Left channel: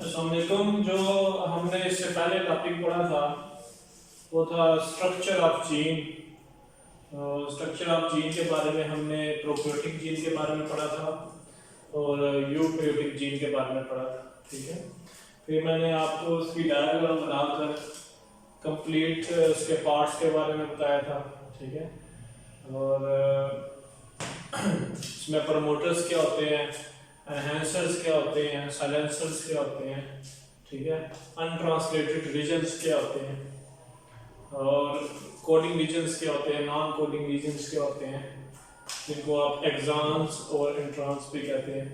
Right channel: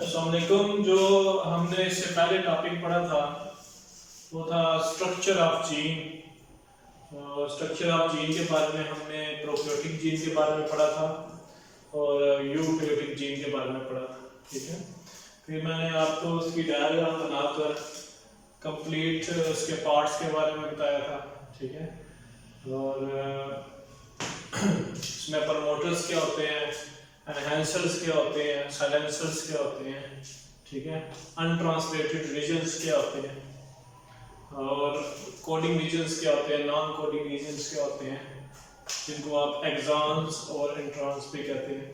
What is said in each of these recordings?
अस्सलामुअलैकुम। जो हमने इससे पहले टॉपिक पढ़ा था वो था structure of gene. Structure of gene के बारे में हमने प्रोकैरियोटिक जीन के बारे में पढ़ा था और यूकैरियोटिक जीन के बारे में पढ़ा था। ठीक है, फिर मैंने आपको उसकी डायग्राम बनाकर कंप्लीट उसके पार्ट्स के बारे में बताया था। ठीक है, और इसमें प्रमोटर्स क्या होते हैं, एनहांसर्स क्या होते हैं, साइलेंसर्स क्या होते हैं, ठीक है, अनट्रांसलेटेड रीजन्स क्या होते हैं, और कोडिंग रीजन्स क्या होते हैं, नॉन कोडिंग रीजन्स क्या होते हैं, जिनको आप एक्सॉन्स और इंट्रॉन्स भी कहते हैं।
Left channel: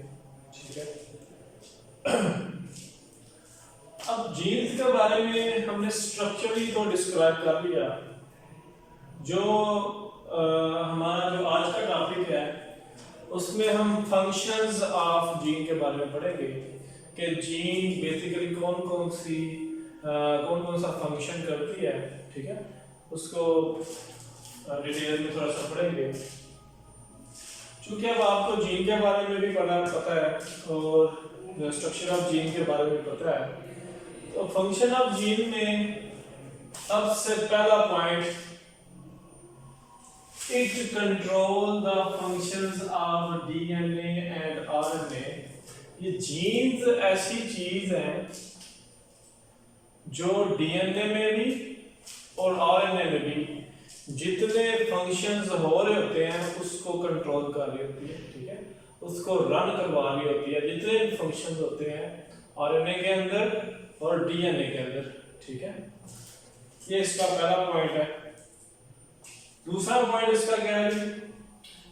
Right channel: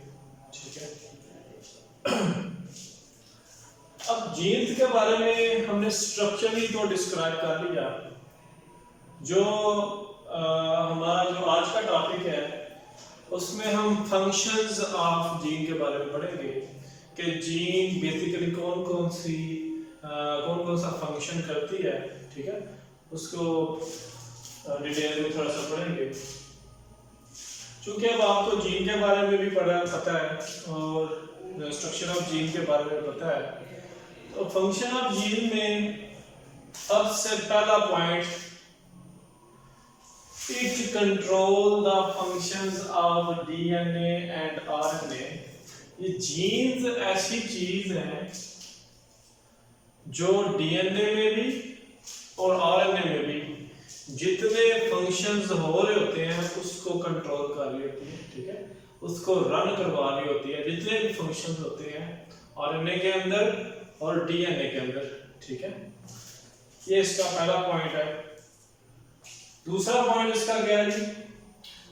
ठीक है, अब जीन्स के बारे में हमने स्ट्रक्चरली तो डिस्क्राइब कर लिया। जो हमारा जो आज का टॉपिक है उसमें हम फंक्शंस ऑफ जीन के बारे में पढ़ेंगे कि जीन बेसिकली कौन कौन सा फंक्शन करती है। ठीक है, उसको डिटेल में थोड़ा सा पढ़ेंगे। चूंकि अब आपको जीन के बारे में भी पता है और स्ट्रक्चर ऑफ जीन के बारे में पता है, तो फंक्शन ऑफ जीन में अब से पहला point, it control the functions of DNA and RNA। ये जीन्स ऐसी चीज है जो डीएनए में भी और आरएनए में भी जितने फंक्शंस हो रहे होते हैं उसको कंट्रोल कर रही होती है। ठीक है, उसको रन करवा रही होती है, जितने भी फंक्शंस होते हैं आरएनए के अंदर और डीएनए के अंदर। ठीक है, ये इसका पहला पॉइंट है। दूसरा पॉइंट इसका क्या है?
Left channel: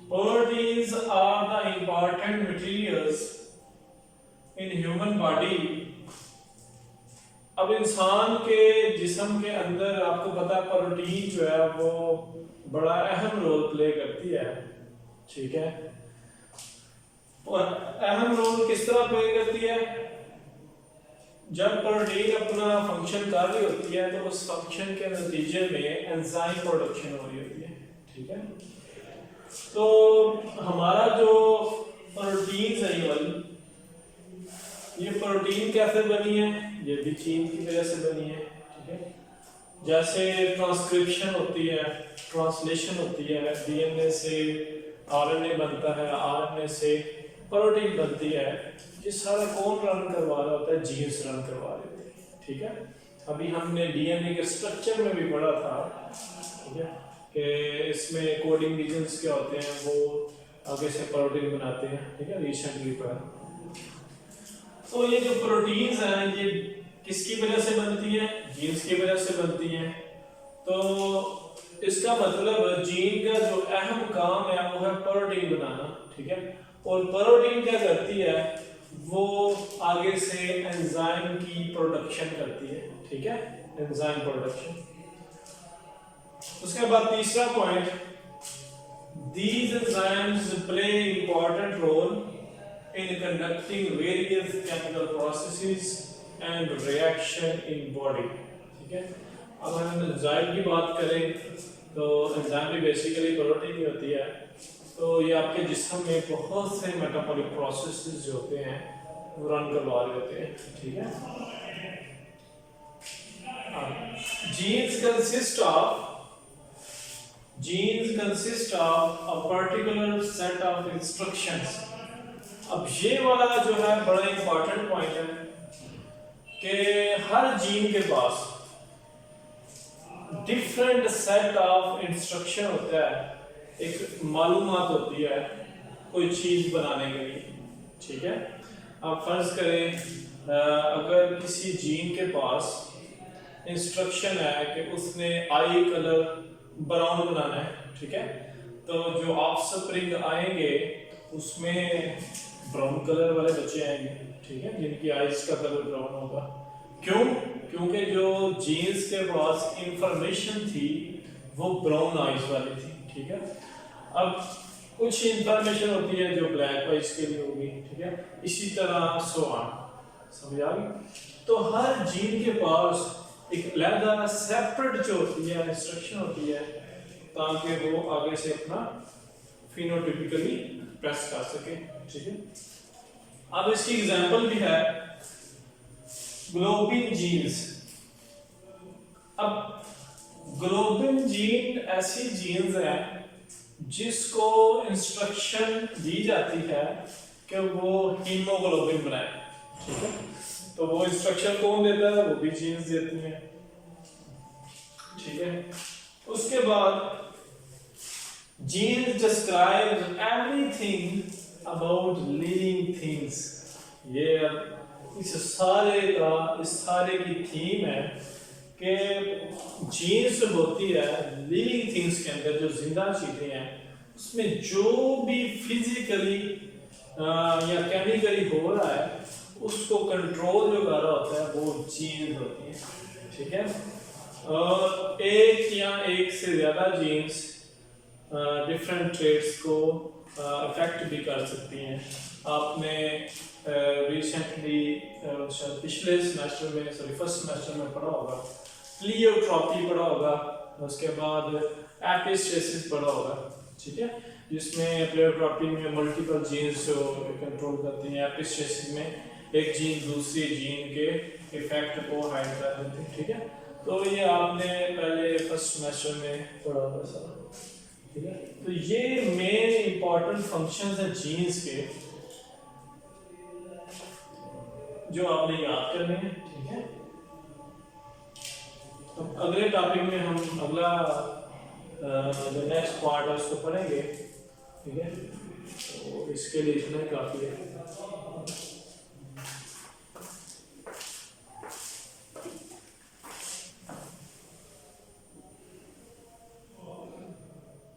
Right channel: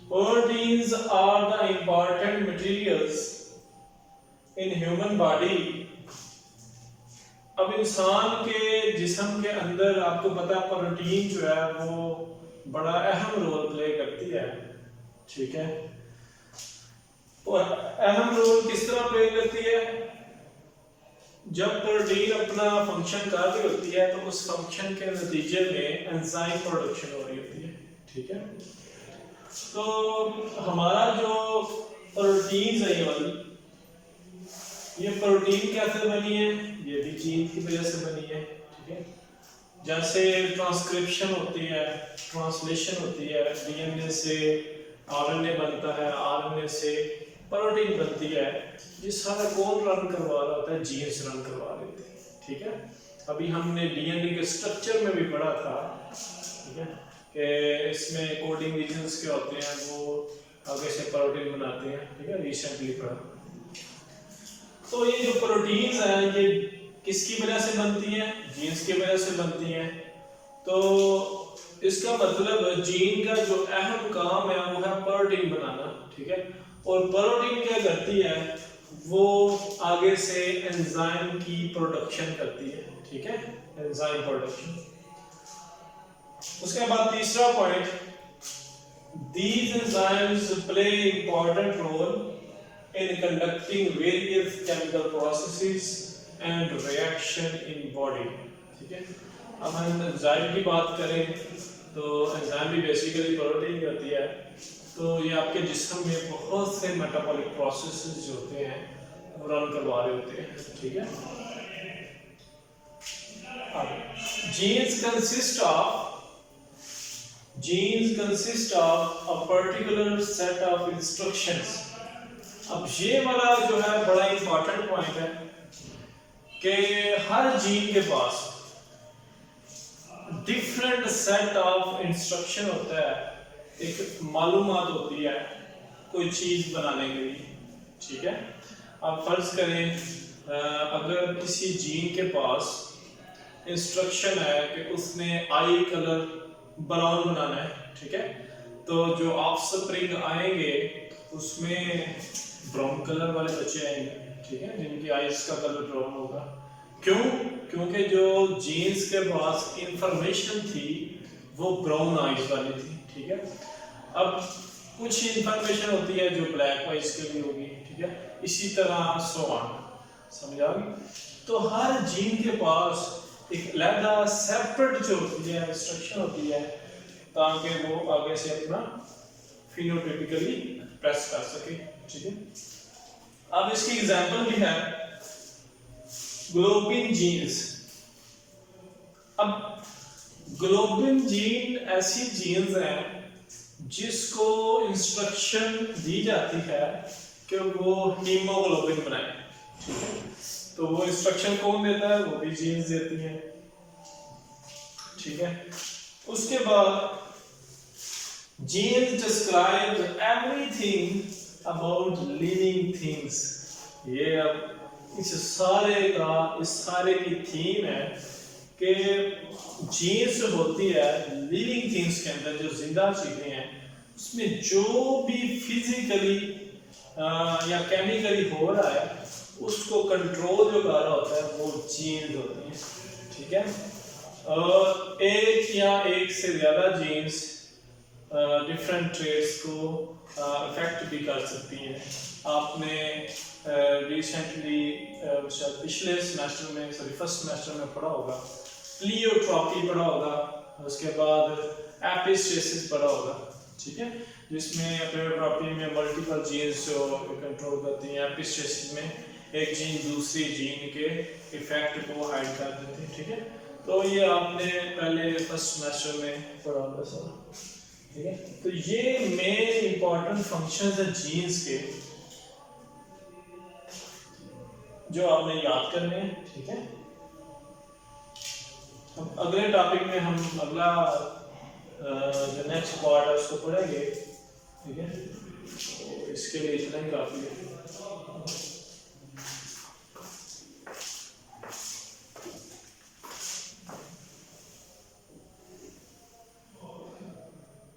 Proteins are the important materials in human body. अब इंसान के जिस्म के अंदर आपको पता है प्रोटीन जो है वो बड़ा अहम रोल प्ले करती है। ठीक है, और अहम रोल किस तरह प्ले करती है? जब प्रोटीन अपना फंक्शन कर रही होती है तो उस फंक्शन के नतीजे में एंजाइम प्रोडक्शन हो रही होती है। ठीक है, तो हमारा जो प्रोटीन है ये प्रोटीन कैसे बनी है? ये भी जीन की वजह से बनी है। ठीक है, जैसे ट्रांसक्रिप्शन होती है, ट्रांसलेशन होती है, डीएनए से आरएनए बनता है, आरएनए से प्रोटीन बनती है, ये सारा कौन रन करवा रहा होता है? जीन्स रन करवा रहे थे। ठीक है, अभी हमने डीएनए के स्ट्रक्चर में भी पढ़ा था। ठीक है, कि इसमें कोडिंग रीजन्स क्या होते हैं, वो आगे से प्रोटीन बनाते हैं। ठीक है, रिसेंटली पढ़ा। तो ये जो प्रोटीन्स हैं ये किसकी वजह से बनती हैं? जीन्स की वजह से बनती हैं। तो इसका मतलब जीन का जो अहम काम है वो है प्रोटीन बनाना। ठीक है, और प्रोटीन क्या करती है? वो आगे से एंजाइम की प्रोडक्शन करती है। ठीक है, एंजाइम प्रोडक्शन। उसके बाद तीसरा point, these enzymes play important role in conducting various chemical processes and reaction in body। ठीक है, अब हम एंजाइम की बात करें तो एंजाइम भी बेसिकली प्रोटीन ही होती है। तो ये आपके जिस्म में बहुत से मेटाबॉलिक प्रोसेसेस जो होते हैं वो रन करवा रहे होते हैं। ठीक है, genes consist of a particular set of instructions। अब ये वाला जो है बड़ा इंपॉर्टेंट पॉइंट है कि हर जीन के पास डिफरेंट सेट ऑफ इंस्ट्रक्शन होता है, एक मालूमात होती है कोई चीज बनाने के लिए। ठीक है, आप फर्ज करें अगर किसी जीन के पास इंस्ट्रक्शन है कि उसने आई कलर ब्राउन बनाना है। ठीक है, तो जो ऑफस्प्रिंग आएंगे उसमें ब्राउन कलर वाले बच्चे आएंगे। ठीक है, जिनकी आईज का कलर ब्राउन होगा। क्यों? क्योंकि जो जीन्स के पास इंफॉर्मेशन थी वो ब्राउन आईज वाली थी। ठीक है, अब कुछ इंफॉर्मेशन होती है जो ब्लैक आईज के लिए होगी। ठीक है, इसी तरह सो ऑन। समझ आ गई? तो हर जीन के पास एक अलहदा सेपरेट जो होती है इंस्ट्रक्शन होती है ताकि वो आगे से अपना फिनोटाइपिकली प्रेस कर सके। ठीक है, अब इसकी एग्जांपल भी है ग्लोबिन जीन्स। अब ग्लोबिन जीन ऐसी जीन्स हैं जिसको इंस्ट्रक्शन दी जाती है कि वो हीमोग्लोबिन बनाए। ठीक है, तो वो इंस्ट्रक्शन कौन देता है? वो भी जीन्स देती हैं। ठीक है, उसके बाद genes describes everything about living things. ये अब इस सारे की थीम है कि जीन्स होती है लिविंग थिंग्स के अंदर, जो जिंदा चीजें हैं, उसमें जो भी फिजिकली या केमिकली हो रहा है उसको कंट्रोल जो कर रहा होता है वो जीन्स होती है। ठीक है, और एक या एक से ज़्यादा जीन्स डिफरेंट ट्रेड्स को इफेक्ट भी कर सकती हैं। आपने रिसेंटली पिछले सेमेस्टर में फर्स्ट सेमेस्टर में पढ़ा होगा, प्लियोट्रॉपी पढ़ा होगा, उसके बाद एपिस्टेसिस पढ़ा होगा। ठीक है, जिसमें प्लियोट्रॉपी में मल्टीपल जीन्स जो कंट्रोल करती हैं, एपिस्टेसिस में एक जीन दूसरी जीन के इफेक्ट को हाइड कर देती है। ठीक है, तो ये आपने पहले फर्स्ट सेमेस्टर में पढ़ा होगा सारा। ठीक है, तो ये मेन इंपॉर्टेंट फंक्शंस हैं जीन्स के जो आपने याद करने हैं। ठीक है, अब अगले टॉपिक में हम अगला जो नेक्स्ट पार्ट है उसको पढ़ेंगे। ठीक है, तो इसके लिए इतना ही काफ़ी है।